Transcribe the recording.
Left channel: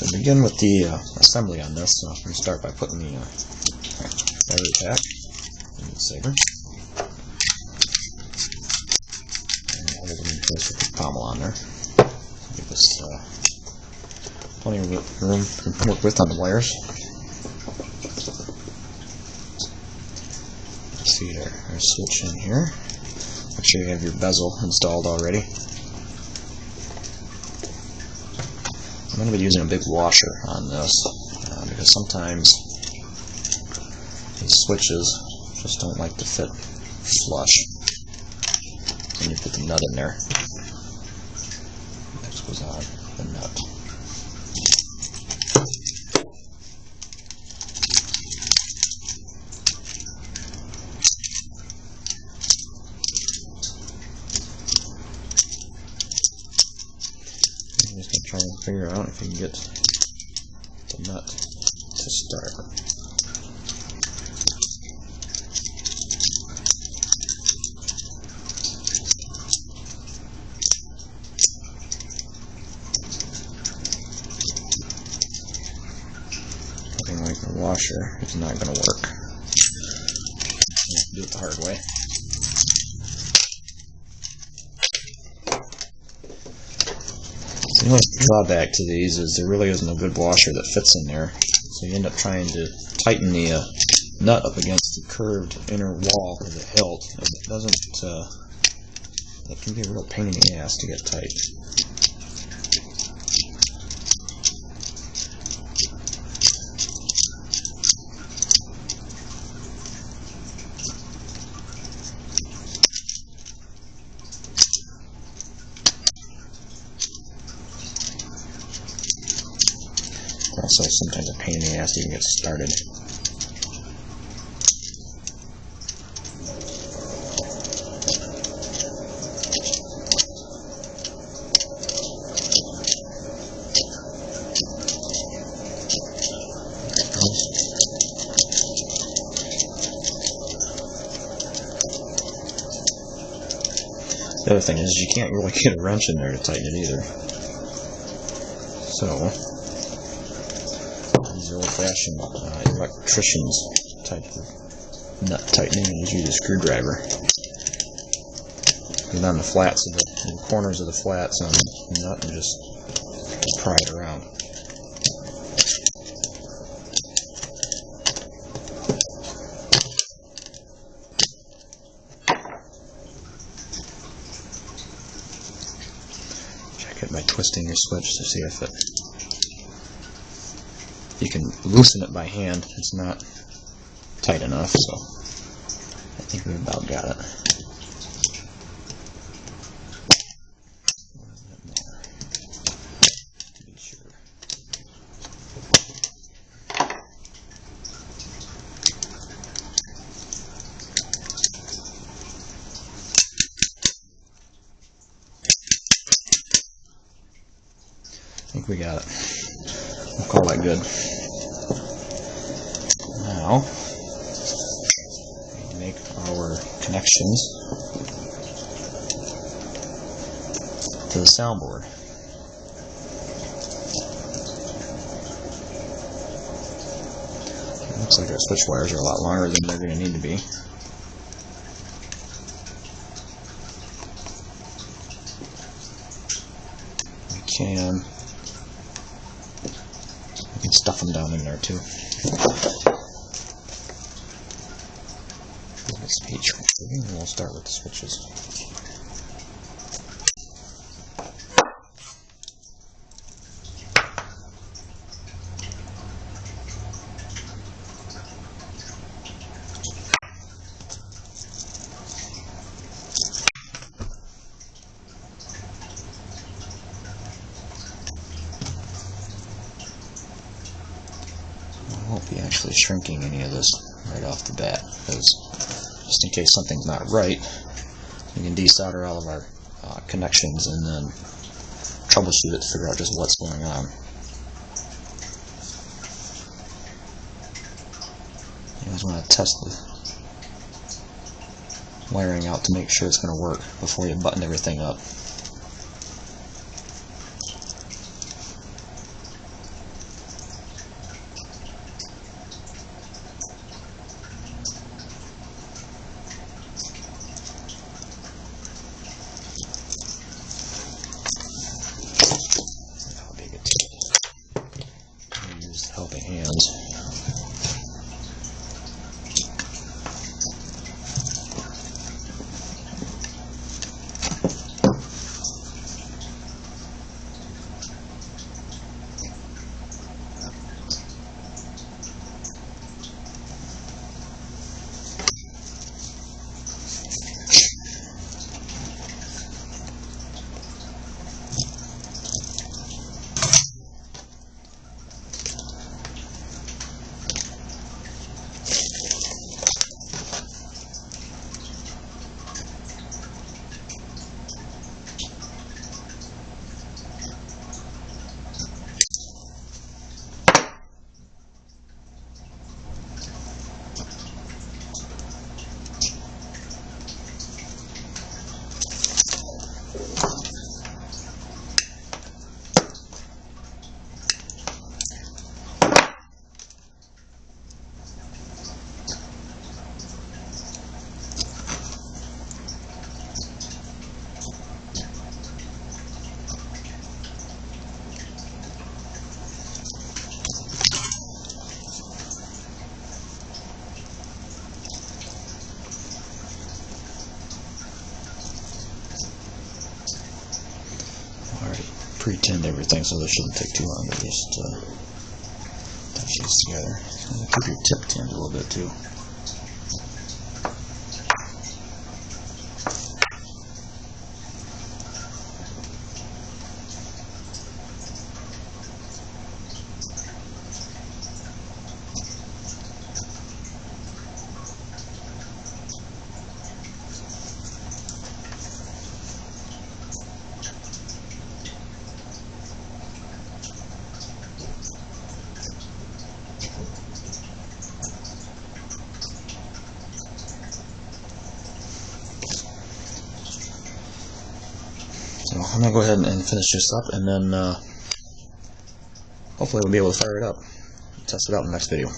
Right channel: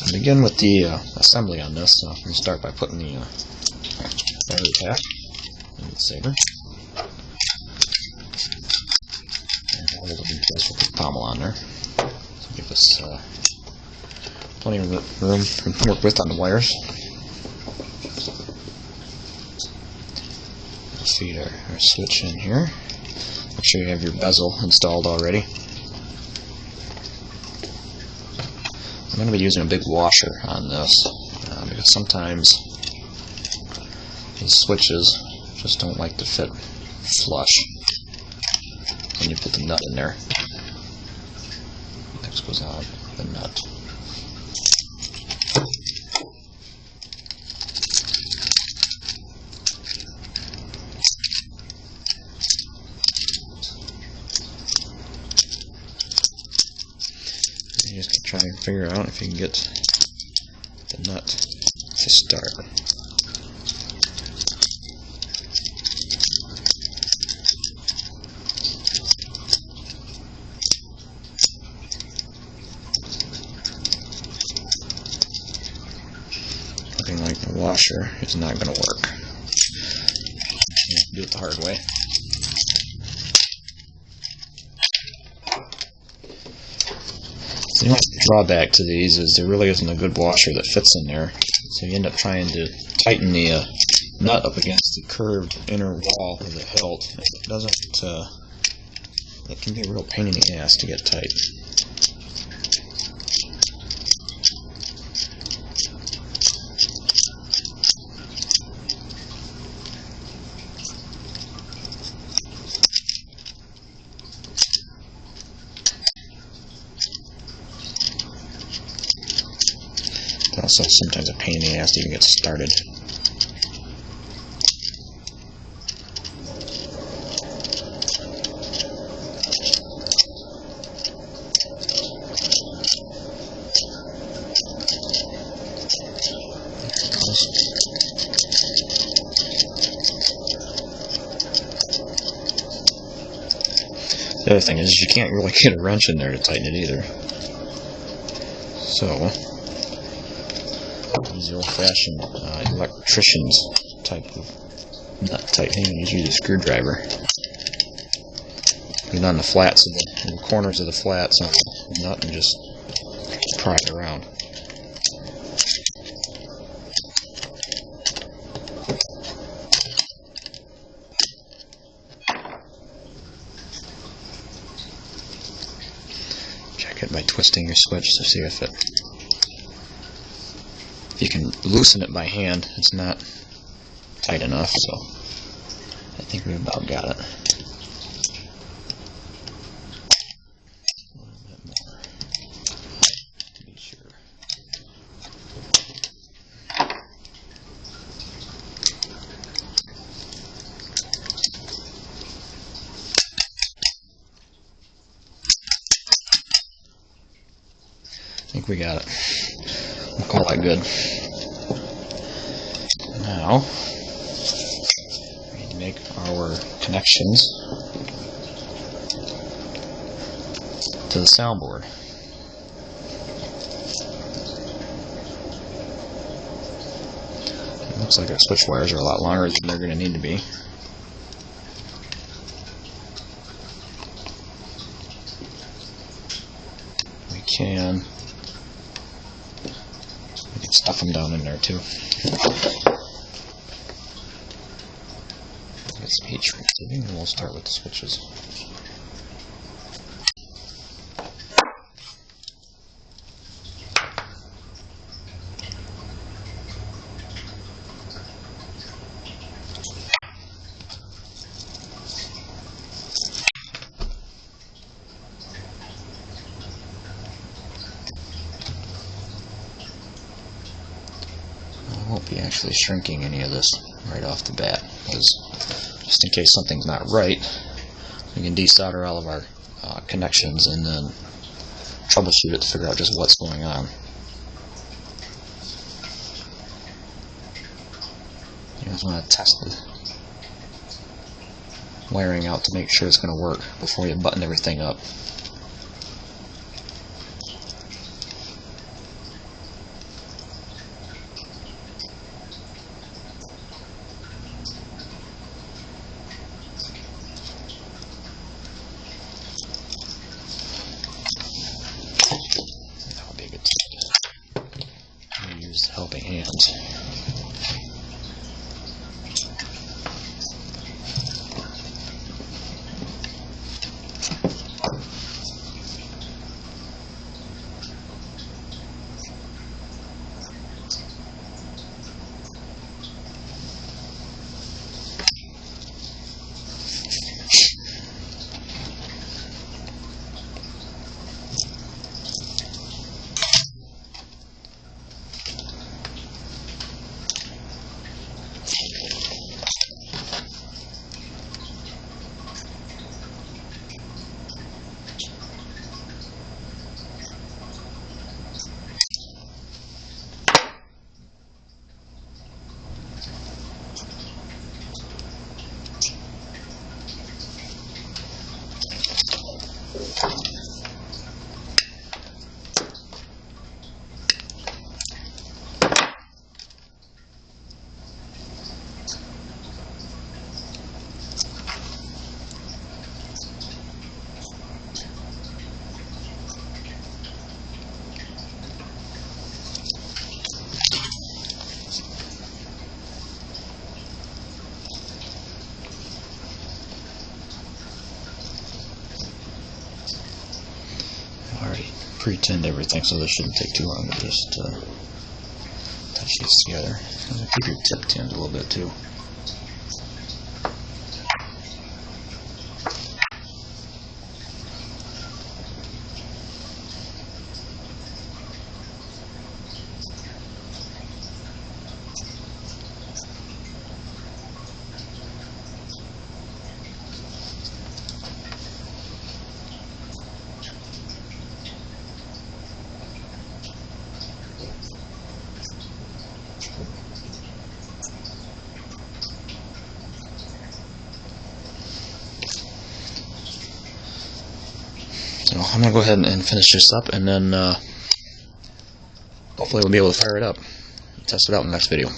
So to begin with the assembly on this, I'm going to start by putting the battery pack in the Saber. And hold it in place with the pommel on there. So give us plenty of room to work with on the wires. Feed our switch in here. Make sure you have your bezel installed already. I'm going to be using a big washer on this because sometimes these switches just don't like to fit flush when you put the nut in there. Next goes on the nut. You're just going to try and figure out if you can get the nut to start. Nothing like the washer is not going to work. You have to do it the hard way. The only drawback to these is there really isn't a good washer that fits in there, so you end up trying to tighten the nut up against the curved inner wall of the hilt. It doesn't. It can be a real pain in the ass to get tight. Also, sometimes a pain in the ass to even get started. The other thing is you can't really get a wrench in there to tighten it either. So the old-fashioned electrician's type of nut tightening, and use a screwdriver. Get on the flats of the corners of the flats on the nut and just pry it around. Check it by twisting your switch to see if it. You can loosen it by hand. It's not tight enough, so I think we about got it. A little bit more to be sure. I think we got it. We'll call that good. Now, we need to make our connections to the soundboard. It looks like our switch wires are a lot longer than they're going to need to be. We can stuff them down in there too. Get some heat shrink tubing, and we'll start with the switches. I won't be actually shrinking any of this right off the bat, because just in case something's not right, we can desolder all of our connections and then troubleshoot it to figure out just what's going on. You guys want to test the wiring out to make sure it's going to work before you button everything up. helping hands. Already pre-tinned everything, so this shouldn't take too long to just touch these together. Keep your tip tinned a little bit too. So I'm going to go ahead and finish this up, and then hopefully we'll be able to fire it up and test it out in the next video.